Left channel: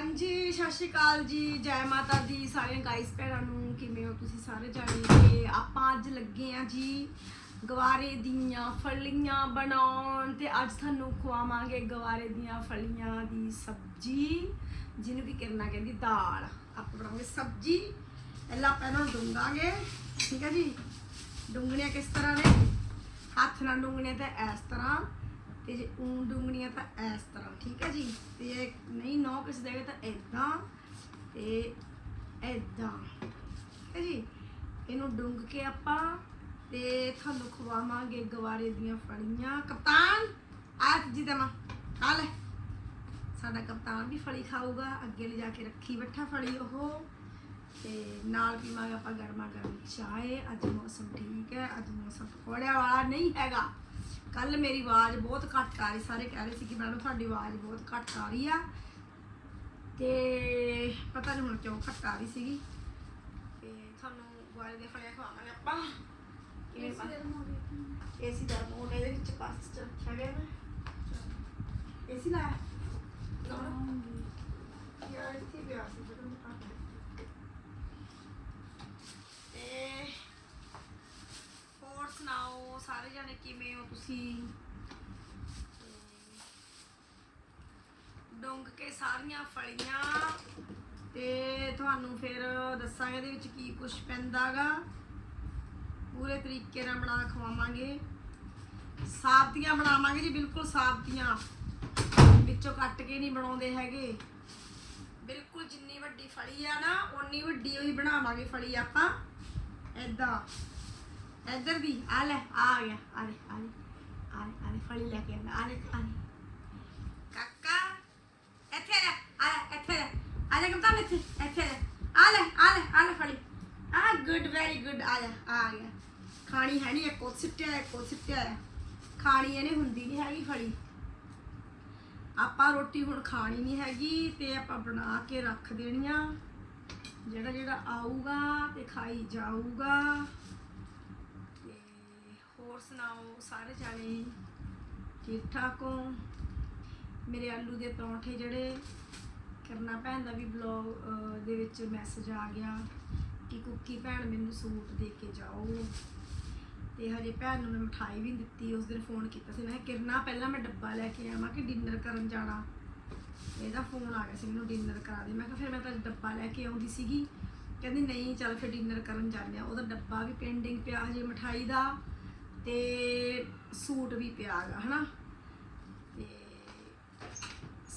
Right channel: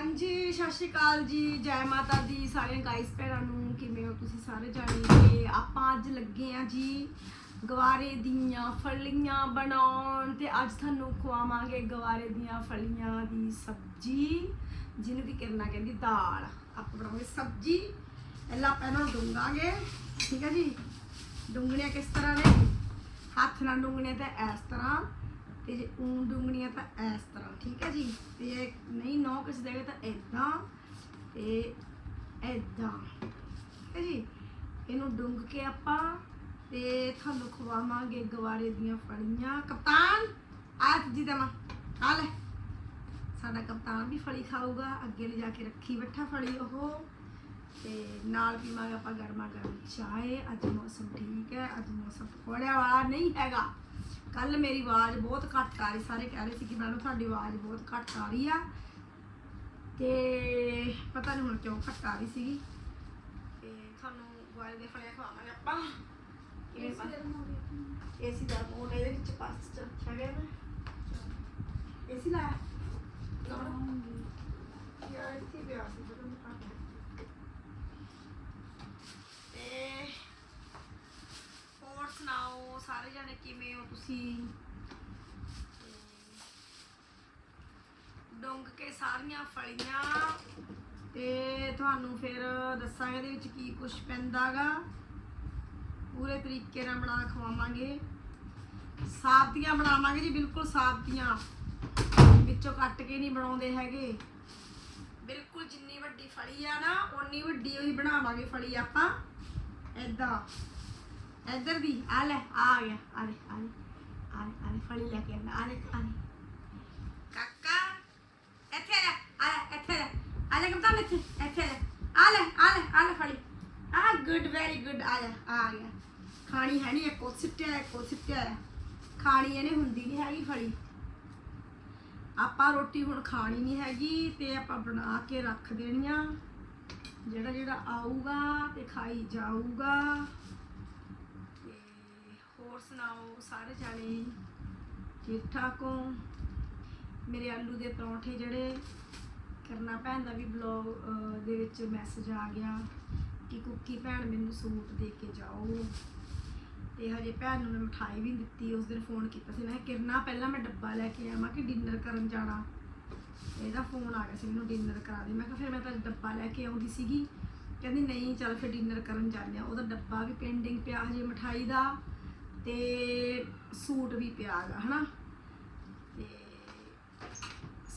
ਹਾਂਜੀ, ਸਤਿ ਸ਼੍ਰੀ ਅਕਾਲ ਜੀ। ਜੈ ਮਾਤਾ ਦੀ ਸਾਰੀਆਂ ਗਾਇਸ ਭੈਣਾਂ ਨੂੰ, ਕਿਵੇਂ ਹੋ ਤੁਸੀਂ ਸਾਰੇ ਜਾਣਦੇ ਆਪਾਂ ਅੱਜ ਲੱਗੇ ਆ ਜੀ ਗਵਾਰੇ ਦੀਆਂ ਫਲੀਆਂ ਬਣਾਉਣ ਤੇ ਅੱਜ ਤੁਹਾਨੂੰ ਖਵਾਵਾਂਗੇ ਗਵਾਰੇ ਦੀਆਂ ਫਲੀਆਂ ਦੀ ਸਬਜ਼ੀ, ਜਿਹਨੂੰ ਵੀ ਕਰਨਾ ਕਹਿੰਦੀ ਦਾਲ। ਆਪਾਂ ਬਣਾਉਂਗੇ ਸਬਜ਼ੀ। ਪਹਿਲਾਂ ਆਪਾਂ ਇਹਨਾਂ ਨੂੰ ਡੂੰਗਾਂਗੇ ਠੀਕ ਹੈ ਜੀ? ਡੂੰਗਣੀਆਂ ਕਿਸ ਤਰ੍ਹਾਂ ਨੇ? ਹੱਥ ਨਾਲ ਡੂੰਗਣੀਆਂ ਤਾਂ ਇਸ ਤਰ੍ਹਾਂ। ਤੇ ਜੇ ਊਂ ਡੂੰਗਣੀਆਂ ਤਾਂ ਇਸ ਤਰ੍ਹਾਂ, ਠੀਕ ਹੈ ਜੀ? ਤੇ ਨਹੀਂ, ਨੌ ਕਿਸ ਦੇਗਾ ਤਾਂ ਇਦਾਂ ਤੇ ਇਦਾਂ ਠੀਕ ਹੈ ਜੀ? ਇਹਨੂੰ ਡੁੰਗ ਕੇ ਆਪਾਂ ਤੇ ਤੁਹਾਨੂੰ ਖਵਾਵਾਂਗੇ ਗਵਾਰੇ ਦੀਆਂ ਫਲੀਆਂ। ਕਪਤਾਨ ਆਜ ਜੀ ਦਮਾ ਆ ਲੈ। ਸਾਡਾ ਕਪਤਾਨ ਵੀ ਫਲੀ ਖਾਊਗਾ, ਅੱਗੇ ਲਿਜਾ ਕੇ ਰੱਖੀ ਬੈਠਾ ਫਲੀ ਉਹ। ਤੇ ਨਾਲ ਪੀਵਾਂਗੇ ਆਪਾਂ ਗਰਮਾ ਗਰਮ ਚਾਏ। ਅੱਜ ਮੌਸਮ ਠੀਕ ਹੈ, ਅੱਜ ਮੌਸਮ ਪਕੌੜਿਆਂ ਵਾਲਾ ਨਹੀਂ ਹੈਗਾ। ਕੱਲ ਮੇਰੀ ਆਵਾਜ਼ ਬਹੁਤ ਘੱਟ ਆ ਰਹੀ ਸਾਰੇ ਕਹਿ ਰਹੇ ਸੀ ਕਿ ਮੈਡਮ ਤੁਹਾਡੀ ਆਵਾਜ਼ ਬਹੁਤ ਘੱਟ ਆ ਰਹੀ ਆ। ਤੇ ਪਤਾ ਨਹੀਂ ਹੁਣ ਕਿਉਂ ਘੱਟ ਆ ਰਹੀ ਸੀਗੀ। ਤੇ ਤੁਹਾਨੂੰ ਆਵਾਜ਼ ਦੇ ਫਲਿਆ ਖਵਾਵਾਂਗੇ ਆਪਾਂ। ਏਸੀ ਦਾ ਰਿਮੋਟ ਇਹਦੇ ਵਿੱਚ ਪਾਸ ਹੈਗਾ ਨਾ ਏਸੀ ਲਾ ਯਾਰ ਇੱਥੇ ਪਿਆ ਸੀ ਮੈਨੂੰ ਪਤਾ। ਤੇ ਹੋਰ ਸੁਣਾਓ ਸਾਰੇ ਜਣੇ ਕਿਵੇਂ ਹੋ ਕੇ ਸਾਰੀਆਂ ਫਲੀਆਂ ਤੇ ਤੁਹਾਨੂੰ ਫਿਰ ਦੱਸਾਂਗੇ ਇਹਦੇ ਵਿੱਚ ਕੀ ਕੁਝ ਪੈਂਦਾਗਾ। ਪੂਰੇ ਤਰੀਕੇ ਨਾਲ ਬਣਾ ਖਵਾਵਾਂਗੇ। ਸਾਬਤੀਆਂ ਬਣਾਵਾਂਗੇ ਜੀ, ਬਿਲਕੁਲ ਸਾਬਤੀਆਂ। ਵਿੱਚੋਂ ਕੱਟ ਕੇ ਨਹੀਂ ਬਣਾਉਂਦੇ ਹੈਗੇ। ਬਿਲਕੁਲ ਜਿੰਨੀ ਵੱਡੀ ਫਲੀ ਆ ਨਾ, ਓਨੀ ਵੱਡੀ ਹੋਈ ਬਣਾਵਾਂਗੇ ਫਲੀ ਆਪਾਂ। ਏਦਾਂ। ਇੱਧਰ ਦੀ, ਆ ਲੈ ਆ ਗਿਆ, ਆ ਲੈ ਆ ਲੈ। ਆ ਲੈ ਆ ਲੈ ਕੇ ਆਂਦਾ ਆ ਲੈ ਕਾਕਾ ਇੱਥੇ ਲੈ ਆ ਇੱਥੇ ਲੈ ਆ ਲੈ ਕਪਤਾਨ ਇੱਥੇ ਇੱਥੇ ਲੈ ਆ ਲੈ ਆ ਲੈ ਆ ਲੈ ਫਲੀ ਆ ਗੁੱਡ ਵੈਰੀ ਗੁੱਡ ਆ ਜਾ ਆ ਗਿਆ ਖਾਣੀ ਹੈ ਨਹੀਂ ਇੱਕੋ ਸਿੱਟਿਆ ਇੱਕੋ ਸਿੱਟਿਆ ਖਾਣੀ ਇਹਨੇ ਹੁੰਦੀ ਨਹੀਂ ਹੈਗੀ ਫਲੀ ਆਪਾਂ ਰੋਟੀ ਹੁਣ ਖਾਣੀ ਨਹੀਂ ਹੈਗੀ ਤੇ ਆਪਾਂ ਬਣਾ ਕੇ ਰੱਖ ਦੇਣੀਆਂ ਜਿਹੜਾ ਜਿਹੜਾ ਆਊਗਾ ਤੇ ਖਾਈ ਜਾਊਗਾ ਹੋਰ ਸੁਣਾਓ ਸਾਰੇ ਜਾਣੇ? ਠੀਕ ਠਾਕ ਹੋ? ਮੇਰੇ ਆਲੂ ਦੇ ਪਰੌਂਠੇ ਜਿਹੜੇ ਕਰਨਾ ਭੈਣ ਦਾ ਵੀ ਬਲੌਗ ਦੇ ਵਿੱਚ ਮੈਸੇਜ ਆ ਗਿਆ ਕਿ ਕੁੱਕੀ ਭੈਣ ਮੈਨੂੰ ਸੂਟ ਦੇ ਕੇ ਜਾਓ। ਤੇ ਹਜੇ ਭੈਣ ਨੂੰ ਮੈਂ ਮਠਾਈ ਵੀ ਨੀ ਦਿੱਤੀ ਉਸ ਦਿਨ ਫੋਨ ਕੀਤਾ ਸੀ। ਮੈਂ ਕਿਹਾ, ਕਿਰਨਾ ਪਹਿਲਾਂ ਮੈਂ ਡੱਬਾ ਲੈ ਕੇ ਆਵਾਂ ਕਿ ਡਿਨਰ ਕਰਨ ਜਾਣਾ? ਇਹਦਾ ਫੋਨ ਆ ਗਿਆ ਸੀ ਮੈਨੂੰ ਡਿਨਰ ਕਰਾ ਦੇ। ਮੈਂ ਕਿਹਾ ਫਿਰ ਮੈਂ ਤਾਂ ਡੱਬਾ ਲੈ ਕੇ ਆਉਂਦੀ ਸੀਗੀ। ਕਹਿੰਦੀ ਨਹੀਂ ਚੱਲ ਫਿਰ ਡਿਨਰ ਕਰਨ ਜਾਂਦੇ ਆ ਉਹਦਾ ਡੱਬਾ ਵੀ ਪੈਂਡਿੰਗ ਪਿਆ ਹਜੇ ਮਠਾਈ ਦਾ। ਤੇ ਸੂਟ ਵੀ ਪਿਆ ਹੈਗਾ ਹਨਾ? ਤੇ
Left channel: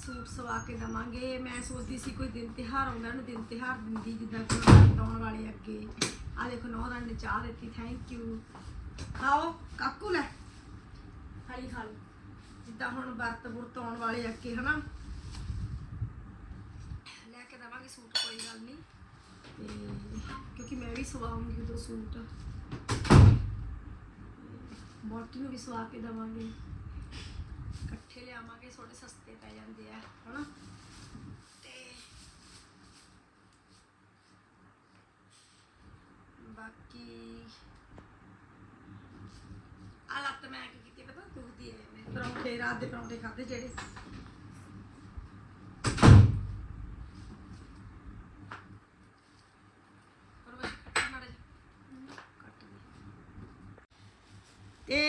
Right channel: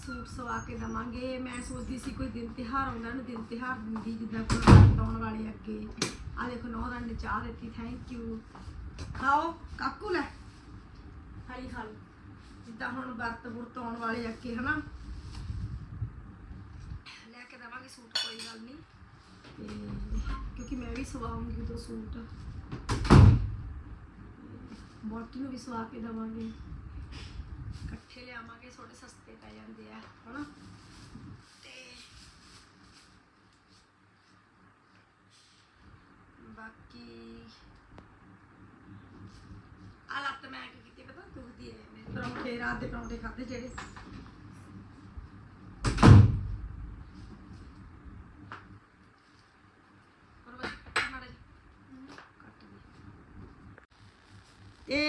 ਸੂਟ ਸਵਾ ਕੇ ਦਵਾਂਗੇ। ਮੈਂ ਸੋਚਦੀ ਸੀ ਕੋਈ ਦਿਨ ਤਿਹਾਰ ਆਉਂਦਾ ਨੂੰ, ਦਿਨ ਤਿਹਾਰ ਦਿੰਦੀ, ਜਿੱਦਾਂ ਕੋਈ ਆਉਣ ਵਾਲੇ ਅੱਗੇ। ਆ ਦੇਖੋ ਨੌਰਾਂ ਨੇ ਚਾਹ ਦਿੱਤੀ ਥੈਂਕ ਯੂ ਖਾਓ, ਕਾਕੂ ਲੈ। ਖਾਲੀ ਖਾ ਜਿੱਦਾਂ ਹੁਣ ਵਰਤ ਬੁਰਤ ਆਉਣ ਵਾਲੇ ਅੱਗੇ, ਹਨਾ? ਲੈ ਕੇ ਦਵਾਂਗੇ ਸੂਟ, ਕੋਈ ਗੱਲ ਨਹੀਂ। ਤੇ ਕਿਉਂਕਿ ਮੈਂ ਵੀ ਸਵਾਵਾਂਗੀ ਦੋ ਸੂਟ। ਬੋਟੀ ਨੂੰ ਵੀ ਸਵਾ ਕੇ ਦਵਾਂਗੇ। ਇਕੱਠੇ ਲਿਆਵਾਂਗੇ ਥੋੜੇ ਸਸਤੇ ਪੈ ਜਾਂਦੇ ਆ ਹਨਾ ਤੇ ਬਾਕੀ ਆ ਲੱਤ ਮੈਂ ਕੀ ਕੀਤੀ ਪਤਾ ਦੁਖਦੀ ਹੈ ਮੈਂ ਪਰੌਂਠੇ ਰਾਤ ਦੇ ਪਰੌਂਠੇ ਖਾਦੇ ਜਿਹੜੇ ਪਰ ਬਸ ਕੱਟ ਮਾੜਾ ਜਿਹਾ। ਕੱਟ ਦੇ। ਤੇ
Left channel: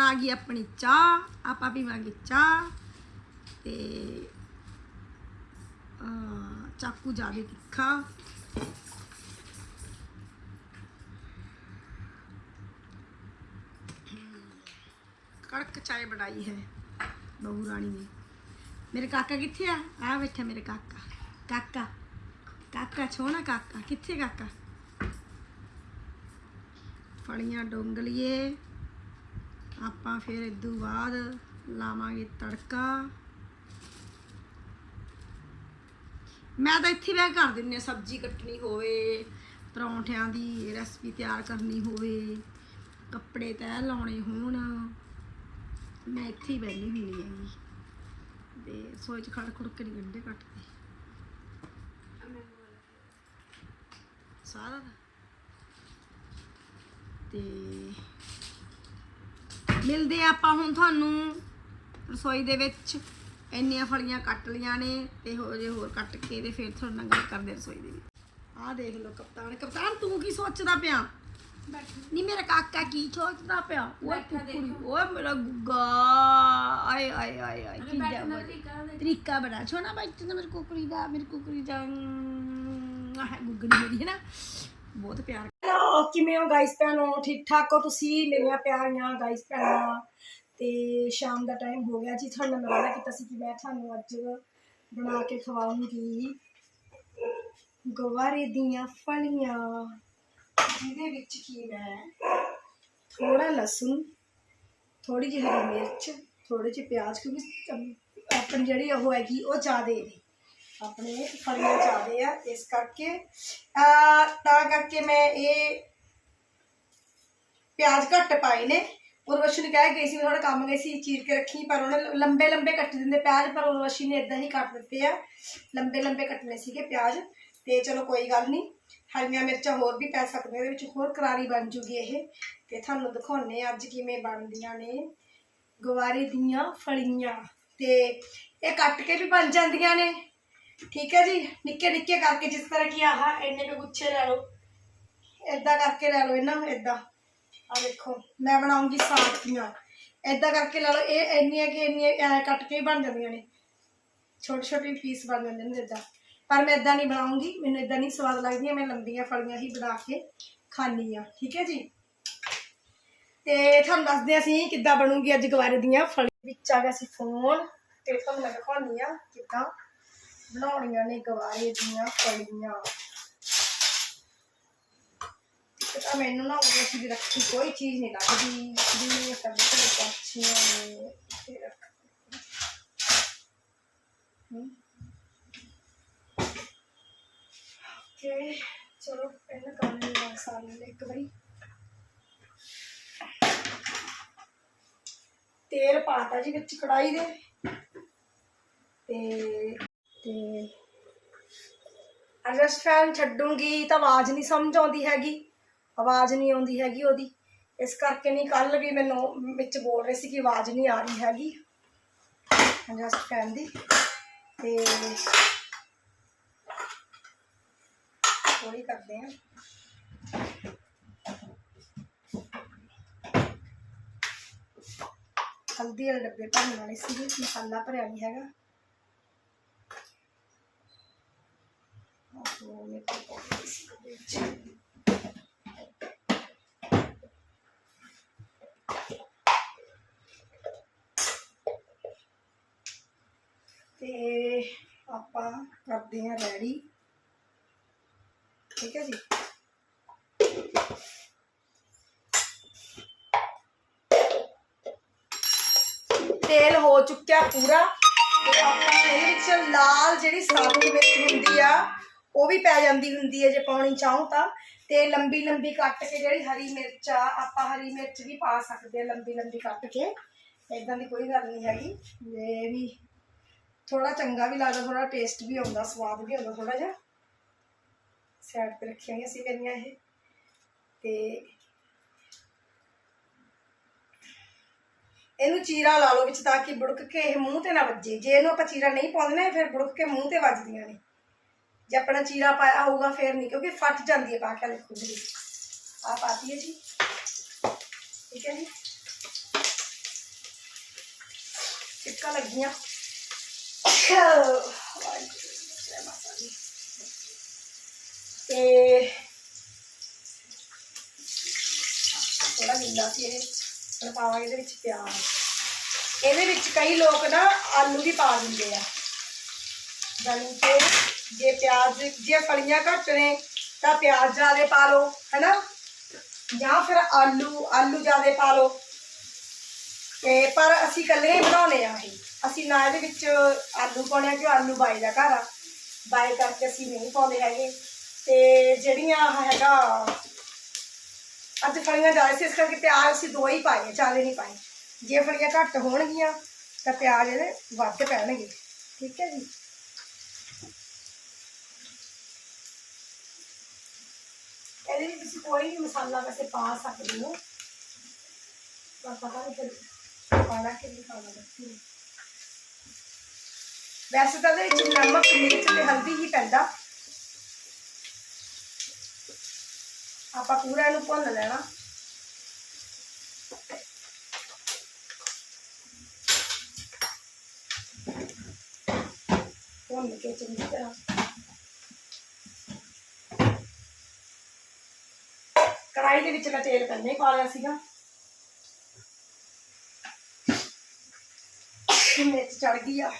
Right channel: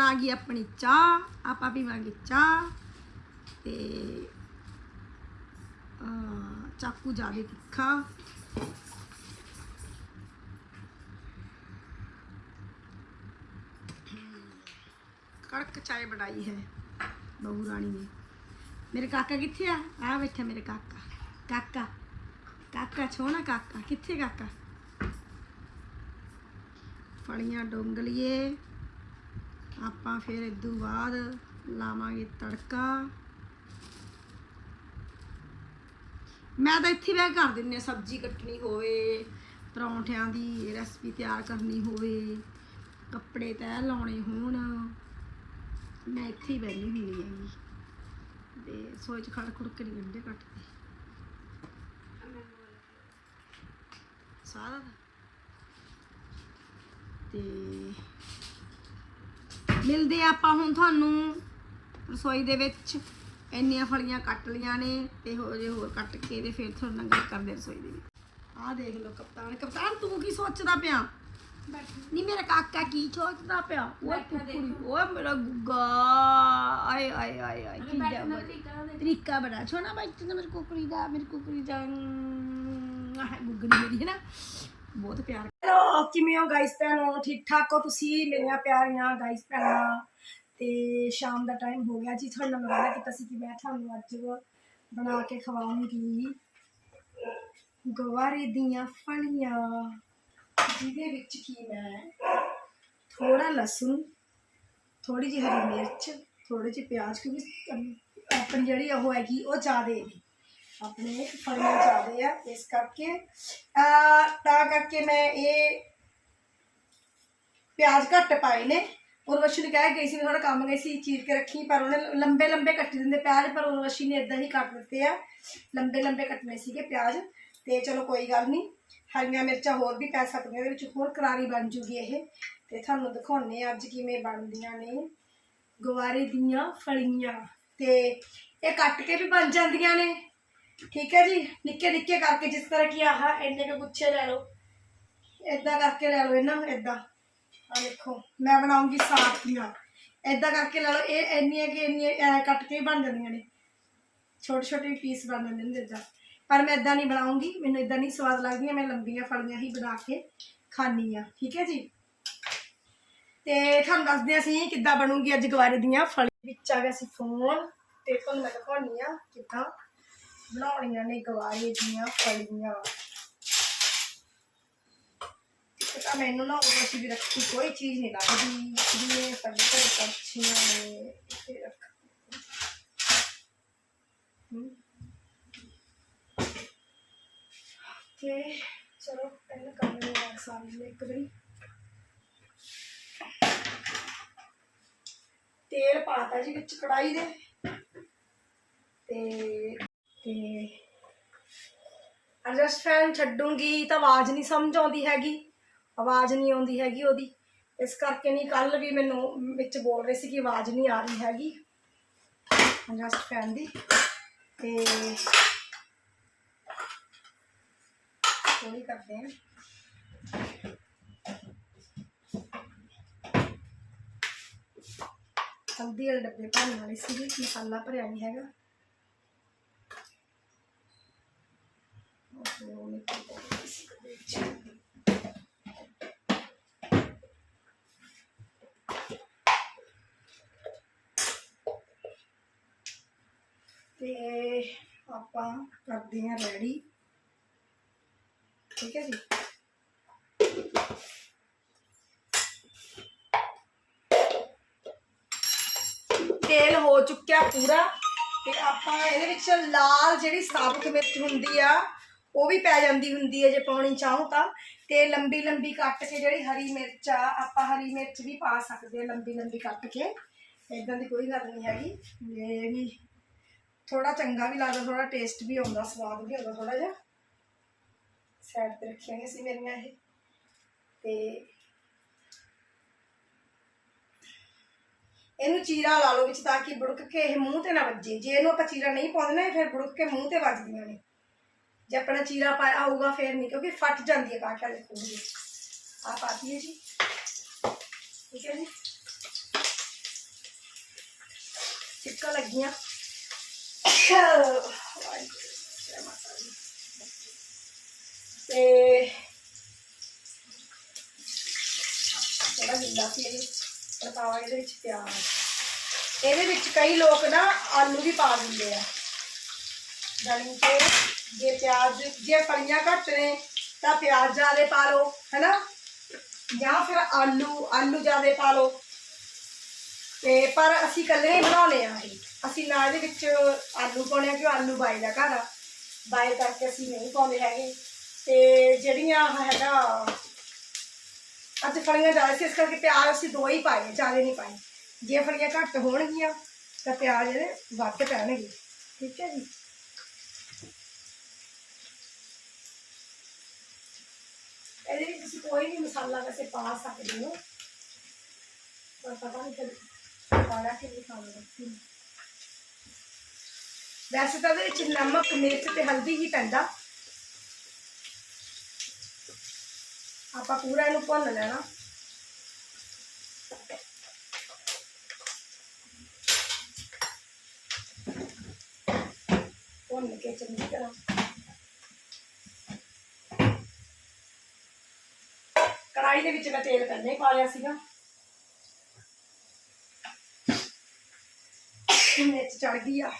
ਹੁਣ ਆ ਗਈ ਆਪਣੀ ਚਾਹ, ਆਪਾਂ ਪੀਵਾਂਗੇ ਚਾਹ ਤੇ ਚਾਕੂ ਜਾਵੇ ਤਿੱਖਾ ਕੜਕ ਚਾय ਬਣਾਈ ਹੈ ਬਹੂ ਰਾਣੀ ਨੇ। ਮੇਰੇ ਕਾਕਾ ਕਿੱਥੇ ਆ? ਆ ਬੈਠਾ ਮੇਰੇ ਕਾਕਾ। ਕਾਕਾ ਕਾਕਾ ਛੋਣਾ ਕਾਕਾ। ਕਿੱਥੇ ਕਾਕਾ? ਫੜੀਆਂ ਡੋਂਗਲੀਏ। ਆਪਾਂ ਫਿਰ ਇਦੋਂ ਬਾਅਦ ਲਾਵਾਂਗੇ ਤੜਕਾ। ਮੈਂ ਤਾਂ ਇੱਥੇ ਬਹਿ ਕਰ ਦਿੰਨੀ ਆ ਸਬਜ਼ੀ ਕੱਟਣੀ ਹੋਵੇ, ਪਰੌਂਠਿਆਂ ਦੀ ਰੈਸਪੀ ਤਿਆਰ ਕਰਨੀ ਹੋਵੇ, ਕੱਪੜੇ ਤੈਅ ਲਾਉਣੇ ਹੋਣ। ਮੈਂ ਇੱਥੇ ਹੀ ਬੈਠੀ ਹੁੰਦੀ ਹੈਗੀ। ਤੇ ਸੋਚ ਚ ਖੜ ਖੁੜ ਕੇ ਨੀ ਕੱਟਦੇ। ਸਾਰਾ ਤੇ ਮਿਲਦੇ ਆ ਆਪਾਂ ਹੁਣ ਤੁਹਾਨੂੰ। ਰਸੋਈ ਦੇ ਵਿੱਚ ਇੰਨੀਆਂ ਫਲੀਆਂ ਕੱਟ ਲੀਆਂ ਨੇ ਤੇ ਹੋ ਜੇ ਹੋਰ ਕੱਟ ਕੇ ਤੇ ਫਿਰ ਤੁਹਾਡੇ ਨਾਲ ਗੱਲ ਕਰਦੇ ਰਸੋਈ ਦੇ ਵਿੱਚ। ਆਹ ਦੇਖ ਲਓ ਕਪਤਾਨ। ਕਪਤਾਨ ਤੂੰ ਕੀ ਸੋਚਦਾ ਪਿਆ? ਨਹੀਂ ਮੇਰਾ ਕਾਕਾ ਕੀ ਸੋਚਦਾ ਪਿਆ? ਓਏ ਕੁਕੜੀ ਓਏ ਮੇਰਾ ਗੁੱਗਾ। ਆਏ ਆਏ ਆਏ ਆਏ ਕੀ ਜਾਵਾ ਤਰੀਕਾ ਬੜਾ ਛੋਣਾ ਬੈਠਾ ਨਾ ਮੇਰੀ ਕੁਕੜੀ ਦਾ ਮੇਰੀ ਕੁਕੜੀ ਦਾ ਗੁੱਗਣੀ ਮੇਰੀ ਹੈ ਨਾ। ਬਹੁਤ ਪਿਆਰ ਕਿਵੇਂ ਹੋ ਗਾਇਸ ਭੈਣੋ? ਠੀਕ ਠਾਕ ਹੋ ਤੁਸੀਂ? ਮੇਰੀਆਂ ਪਿਆਰੀਆਂ ਗਾਇਸ ਭੈਣਾਂ। ਤੇ ਸ਼ਾਮ ਦਾ ਟਾਈਮ ਹੋ ਗਿਆ ਜੀ। ਤੁਹਾਨੂੰ ਮੈਂ ਵਾਅਦਾ ਕੀਤਾ ਸੀ ਕਿ ਮੈਂ ਤੁਹਾਨੂੰ ਅੱਜ ਬਣਾ ਕੇ ਖਵਾਉਂਗੀ। ਗਵਾਰੇ ਦੀਆਂ ਫਲੀਆਂ। ਜਿਹਦੇ ਵਿੱਚ ਕੀ ਮੈਂ ਥੋੜਾ ਲਸਣ ਥੋੜੀ ਜਿਹੀ ਹਰੀ ਮਿਰਚ ਥੋੜੇ ਜਿਹੇ ਪਿਆਜ਼, ਕਿਉਂਕਿ ਆਪਣੀ ਜਿਹੜੀ ਉਹ ਹੈਗੀ, ਉਹ ਜ਼ਿਆਦੇ ਨੇ। ਆਪਣੇ ਫਲੀਆਂ ਜ਼ਿਆਦੇ ਆ। ਇਸ ਕਰਕੇ ਤਾਂ ਕਰਕੇ ਮੈਂ ਇਹ ਪਿਆਜ਼ ਘੱਟ ਪਾਏ ਨੇ। ਉਰਵਸ਼ੀ ਨੇ ਕਹਿ ਗਈ ਸੀ ਥੋੜਾ ਕੰਮ ਗਈ ਸੀ, ਚੀਰ ਕੇ ਰੱਖੀ, ਪਰ ਉਹਨੇ ਲੰਬੇ ਲੰਬੇ ਕੱਟ ਦਿੰਦੇ ਪਿਆਜ਼, ਪਰ ਉਰਵਸ਼ੀ ਨੇ ਇਦਾਂ ਹੀ ਕੱਟ ਦਿੱਤੇ ਆ। ਲੰਬੇ ਲੰਬੇ ਕੱਟਨੇ ਸੀਗੇ ਪਿਆਜ਼। ਤੇ ਚਲੋ ਕੋਈ ਗੱਲ ਨਹੀਂ ਹਰੀਆਂ ਮਿਰਚਾਂ ਹੋਰ ਵੀ ਪੈ ਸਕਦੀਆਂ, ਇਹਦੇ ਵਿੱਚ ਹੋਰ ਕਰਾਰੀ ਬਣ ਜੂਗੀ ਇਹ। ਤੇ ਤੁਹਾਨੂੰ ਦਿਖਾਉਣੇ ਅੱਜ ਕਿਵੇਂ ਬਣਦੀਆਂ ਨੇ। ਗਵਾਰੇ ਦੀਆਂ ਫਲੀਆਂ। ਤੇ ਇਹ ਕੱਟ ਕੇ ਵੀ ਬਣ ਜਾਂਦੀਆਂ ਨੇ। ਠੀਕ ਹੈ ਜੀ? ਨਿੱਕੇ ਨਿੱਕੇ ਕਰਕੇ ਜਿਸ ਤਰ੍ਹਾਂ ਕਿ ਆਹ ਇੰਨੇ ਕੁ ਗੁੱਛੇ ਲੈ ਲਓ। ਇਦਾਂ ਕਰਕੇ ਲੈ ਲਓ ਇਹਨਾਂ ਨੂੰ ਇਦਾਂ ਆ ਦੇਖੋ, ਮੈਂ ਬਣਾਉਂਗੀ ਸਾਖੀਆਂ ਇਦਾਂ ਕਰਕੇ ਲੈ ਲਓ, ਇਹ ਇੰਨੀਆਂ ਕਿ ਇੰਨੀਆਂ ਕੱਟ ਕੇ ਹੀ ਬਣ ਜਾਂਦੀਆਂ ਨੇ। ਛੋਟੇ ਛੋਟੇ ਪੀਸ ਬਣ ਜਾਂਦੇ ਨੇ ਇਦਾਂ ਪਰ ਮੈਂ ਇਦਾਂ ਨਹੀਂ ਬਣਾਉਂਗੀ, ਮੈਨੂੰ ਇਦਾਂ ਨਹੀਂ ਸਵਾਦ ਲੱਗਦੀਆਂ, ਮੈਂ ਲੰਬੀਆਂ ਫਲੀਆਂ ਹੀ ਬਣਾ ਕੇ ਖਾਣੀ ਆ ਠੀਕ ਹੈ ਜੀ? ਤੇ ਤੁਹਾਨੂੰ ਦੱਸਦੇ ਅਸੀਂ ਕਿੱਦਾਂ ਬਣੂਗੀ ਅੱਜ ਗਵਾਰੇ ਦੀਆਂ ਫਲੀ ਵਿੱਚ ਆ ਗਿਆ ਸੀ ਫੋਨ ਤੇ ਤੁਹਾਨੂੰ ਮੈਂ ਦਿਖਾਉਣੀ ਆ ਕਿੱਦਾਂ ਬਣਾਉਣੀਆਂ ਨੇ ਗਵਾਰੇ ਦੀਆਂ ਫਲੀਆਂ। ਤਾਂ ਮੈਨੂੰ ਨਾ ਉਹ ਵੀ ਰੱਖੀ, ਕੋਈ ਚੀਜ਼ ਨਹੀਂ ਲੱਗਦੀ। ਜਿਵੇਂ ਸਾਡੇ ਕੋਲ ਪੰਛੀਆਂ ਨੇ, ਇੱਥੇ ਰੱਖ। ਓਕੇ ਚਲੋ, ਪਹਿਲਾਂ ਕਰ ਲੈਂਦੇ ਹਾਂ ਸਾਰੀ ਇੱਕ ਵਾਰੀ। ਤੇਲ ਪਾਤਾ ਜੀ ਵਿੱਚ ਕੜਾਈ ਦੇ। ਤੇ ਤੇ ਅਡਜਸਟ ਫੈਨ ਛੱਡੂੰਗੀ ਤਾਂ ਆਵਾਜ਼ ਨਹੀਂ ਸਮਝ ਆਉਂਦੀ ਹੈਗੀ। ਆਵਾਜ਼ ਨਹੀਂ ਆਉਂਦੀ ਹੈਗੀ ਉਹਦੀ। ਇਸ ਕਰਕੇ ਨਹੀਂ ਕੱਲ ਵੀ ਮੈਨੂੰ ਵਿੱਚ ਬੋਲ ਰਹੇ ਸੀ ਕਿ ਆਵਾਜ਼ ਨਹੀਂ ਆ ਰਹੀ ਹੈਗੀ। ਅਡਜਸਟ ਫੈਨ ਦੀ। ਤੇ ਥੋੜੀ ਕਰਦੇ ਹਾਂ। ਹਲਦੀ ਵਾਲੇ ਡੱਬੇ ਭਰਨ ਵਾਲੇ ਸੀਗੇ, ਮਸਾਲਾ ਭਰਿਆ ਨਹੀਂ ਹੈਗਾ। ਉਹ ਮੈਂ ਪਾਉਂਦੀ ਸੀ ਵਿੱਚ। ਤੇ ਆਪਾਂ ਕਰਦੇ ਹਾਂ ਰੈਡੀ। ਠੀਕ ਹੈ ਜੀ? ਤੇਲ ਹੋ ਚੁੱਕਿਆ ਪੂਰਾ ਤੇ ਆਪਾਂ ਇਹਦੇ ਵਿੱਚ ਲਾਲ ਜਿਹੜੀ ਸਾਬੁਤ ਮਿਰਚ ਹੁੰਦੀ ਆ, ਉਹ ਵੀ ਪੈ ਜਾਂਦੀ ਹੁੰਦੀ ਹੈ ਜੇ ਪਾਉਣੀ ਚਾਹੋ ਤਾਂ। ਤੇ ਲੰਬੀ ਲੰਬੀ ਕੱਟ ਕੇ ਜਿਹੜੀ ਹਰੀ ਮਿਰਚ ਆ, ਆਪਾਂ ਹਰੀ ਮਿਰਚ ਵੀ ਪਾ ਸਕਦੇ ਆ ਲੰਬੀ ਲੰਬੀ ਕੱਟ ਕੇ। ਇਦਾਂ ਦੀ ਕੋਈ ਗੱਲ ਨਹੀਂ ਹੈਗੀ। ਇਹ ਵੀ ਥੋੜਾ ਚੰਗਾ ਵੀ ਲੱਗਦਾ ਥੋੜਾ ਟੇਸਟ ਵੀ ਆਉਂਦਾ, ਸਵਾਦ ਵੀ ਆਉਂਦਾ ਥੋੜਾ ਜਿਹਾ। ਸਾਈਡ ਤੇ ਰੱਖੀਆਂ ਹੋਈਆਂ ਸੀ ਮੇਰੀਆਂ ਇਹ। ਤੇ ਇਹਨੂੰ ਚੀਰਾ ਲਾ ਲਓ ਵਿੱਚ ਤਾਂ ਕਿ ਬੁੜਕ ਕੇ ਇਹ ਮੂੰਹ ਤੇ ਨਾ ਵੱਜੇ। ਜੇ ਇਹਨੂੰ ਆਪਾਂ ਚੀਰਾ ਨਹੀਂ ਪਾਉਂਦੇ ਨਾ, ਇਹ ਫਿਰ ਬੁੜਕ ਕੇ ਮੂੰਹ ਤੇ ਵੱਜਦੀਆਂ ਨੇ। ਜੇ ਆਪਣਾ ਚੀਰਾ ਪਾਇਆ ਹੋਊਗਾ ਫਿਰ ਨਹੀਂ, ਕਿਉਂਕਿ ਫਟ ਜਾਂਦੀ ਹੈ ਪਾ ਕੇ ਦੇਖੋ ਜੀ ਆ ਪਾਤੀ ਹੈ ਜੀ। ਠੀਕ ਹੈ ਜੀ। ਚਿੱਕਾ ਲੱਗੀਆਂ। ਤੇ ਥੋੜਾ ਸੀ ਇਹ ਹੁਣ ਪਾਵਾਂਗੇ ਇਹਦੇ ਵਿੱਚ ਪਿਆਜ਼ ਇਹਦੇ ਵਿੱਚ ਕਈ ਲੋਕ ਨਾ ਆਲੂ ਵੀ ਪਾ ਦਿੰਦੇ ਆ। ਕਿ ਜੇ ਪਿਆਜ਼ ਜੇ ਫਲੀਆਂ ਘੱਟ ਨੇ ਤਾਂ ਪਿਆਜ਼ ਜ਼ਿਆਦਾ ਪਾ ਲਓ ਹੈਨਾ? ਜਾਂ ਫਿਰ ਆਲੂ ਆਲੂ ਜ਼ਿਆਦਾ ਪਾ ਲਓ। ਤੇ ਪਰ ਅਸੀਂ ਇਕੱਲੇ ਹੀ ਬਣਾਉਣੇ ਆ ਇਹ। ਅਸੀਂ ਨਾ ਇਹਦੇ ਵਿੱਚ ਆਲੂ ਪਾਉਣੇ ਆ ਕਿ ਆਲੂ ਬਾਈ ਦਾ ਘਰ ਆ। ਬਾਈ ਕਰਕੇ ਅਸੀਂ ਨਹੀਂ ਪਾਉਂਦੇ ਹੈਗੇ। ਤੇ ਜਿਹੜੀਆਂ ਹੈਗਾ, ਅੱਜ ਫਲੀਆਂ ਜ਼ਿਆਦਾ ਸੀ, ਇਸ ਕਰਕੇ ਪਿਆਜ਼ ਅਸੀਂ ਦੋ ਹੀ ਪਾਏ ਜ਼ਿਆਦਾ ਨਹੀਂ ਪਾਏ। ਜੇ ਫਲੀਆਂ ਘੱਟ ਹੋਣਗੀਆਂ, ਤਾਂ ਪਿਆਜ਼ ਇਹਦੇ ਵੱਧ ਪੈਣਗੇ। ਠੀਕ ਹੈ ਜੀ? ਇਹਦੇ ਵਿੱਚ ਤੁਸੀਂ ਕੋਈ ਵੀ ਮਸਾਲਾ ਵੈਸੇ ਪਾ ਸਕਦੇ ਹੋ। ਪਰ ਪਤਾ ਨਹੀਂ ਫਿਰ ਪਾਣਾ ਕਿ ਨਹੀਂ ਪਾਣਾ ਵੈਸੇ ਤਾਂ ਇਹਦੇ ਵਿੱਚ ਨਮਕ, ਮਿਰਚ ਤੇ ਹਲਦੀ ਹੀ ਪੈਂਦਾ। ਆਪਾਂ ਪੂਰਾ ਇਹਨੂੰ ਭੁੰਨ ਲੈਣਾ। ਭੁੰਨ ਕੇ ਚੰਗੀ ਤਰ੍ਹਾਂ। ਕੜਾਈ ਦੇ ਵਿੱਚ ਮੈਂ ਤੇਲ ਪਹਿਲਾਂ ਪਾ ਲਿਆ ਸੀਗਾ। ਮਿਰਚ ਚੜ ਗਈ ਆ।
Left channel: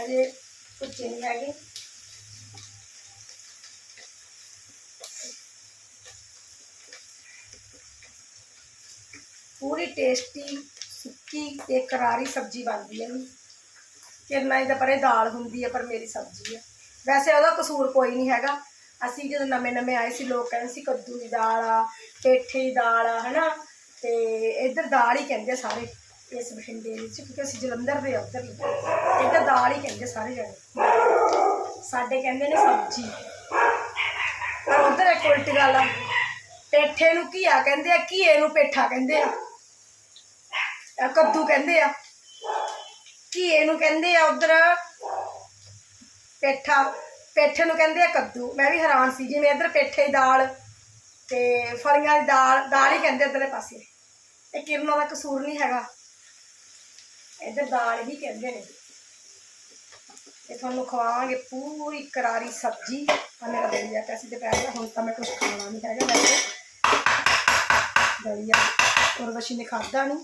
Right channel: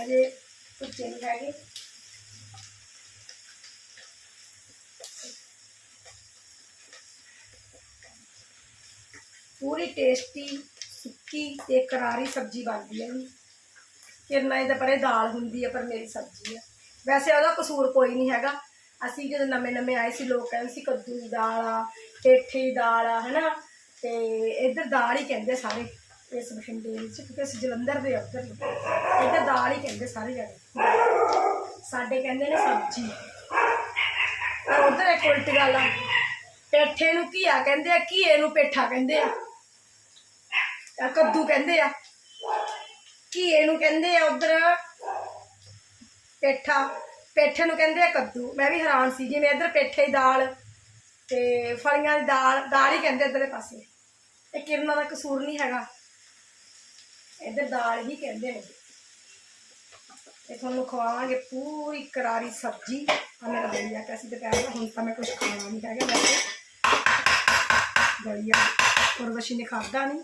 ਹਜੇ ਪੁੱਛੇ ਨਹੀਂ ਹੈਗੇ। ਪੂਰੀ ਟੇਸਟੀ ਸੁੱਕੀ ਤੇ ਕਰਾਰੀ ਸਬਜ਼ੀ ਬਣਦੀ ਹੈ ਜੀ। ਕਿਰਨਾ ਇਹਦੇ ਪਰੇ ਦਾਲ ਹੁੰਦੀ ਹੈ, ਪਰ ਮੇਰੀ ਸਬਜ਼ੀ ਹੈ। ਵੈਸੇ ਉਹਦਾ ਕਸੂਰ ਕੋਈ ਨਹੀਂ ਹੈਗਾ। ਅਸੀਂ ਜਦੋਂ ਨਵੇਂ ਨਵੇਂ ਆਏ ਸੀ, ਲੋਕ ਕਹਿੰਦੇ ਸੀ ਕੱਦੂ ਦੀ ਦਾਲ ਆ, ਪੇਠੇ ਦੀ ਦਾਲ ਆ, ਹਨਾ? ਤੇ ਇੱਧਰ ਦਾਲ ਹੀ ਕਹਿੰਦੇ ਸਾਰੇ। ਇਸ ਬਠਿੰਡੇ ਵਿੱਚ, ਕਿਉਂਕਿ ਅਸੀਂ ਜਲੰਧਰ ਦੇ ਆ ਉੱਧਰ ਇੱਧਰ ਦਾਲ ਹੀ ਕਹਿੰਦੇ ਸਾਰੇ ਜਣੇ। ਸਾਡੇ ਕਹਿੰਦੇ ਨੇ ਸਬਜ਼ੀ। ਪਰ ਉੱਧਰ ਇੱਕ ਉਲਟੀ ਗੱਲ ਆ। ਪੇਠੇ ਨੂੰ ਘੀਆ ਕਹਿੰਦੇ ਆ, ਘੀਏ ਨੂੰ ਪੇਠਾ ਕਹਿੰਦੇ ਆ। ਆ ਕੱਦੂ ਕਹਿੰਦੇ ਆ। ਘੀਏ ਨੂੰ ਕਹਿੰਦੇ ਆ ਉਧਰ ਪੇਠਾ। ਪੇਠੇ ਨੂੰ ਕਹਿੰਦੇ ਆ ਕੱਦੂ। ਮੈਂ ਵੀ ਹੈਰਾਨ ਸੀ ਜਿਵੇਂ ਇੱਧਰ ਪੇਠੇ ਦੀ ਦਾਲ ਤੇ ਫਲੀਆਂ ਦੀ ਦਾਲ ਦਾਲ ਹੀ ਕਹਿੰਦੇ ਇੱਧਰਲੇ ਪਾਸੇ। ਇਹ ਕਿਰਨਾਂ ਦਾ ਕਸੂਰ ਨਹੀਂ ਹੈਗਾ। ਇੱਧਰ ਦਾਲ ਹੀ ਕਹਿੰਦੇ ਨੇ। ਇਹ ਤੁਹਾਨੂੰ ਖਵਾਵਾਂਗੇ ਪੂਰੀ ਕਰਾਰੀ ਸਬਜ਼ੀ। ਆ ਮੇਰਾ ਦਲੀਆ ਕੈਸੀ ਦੁਪਹਿਰ ਦਾ, ਹੁਣ ਤਾਂ ਮੈਂ ਕੁਝ ਖਾਣਾ ਨਹੀਂ ਹੈਗਾ ਵੈਸੇ। ਦਲੀਆ ਉਰਵਸ਼ੀ ਨੇ ਖਾਦਾ ਨਹੀਂ,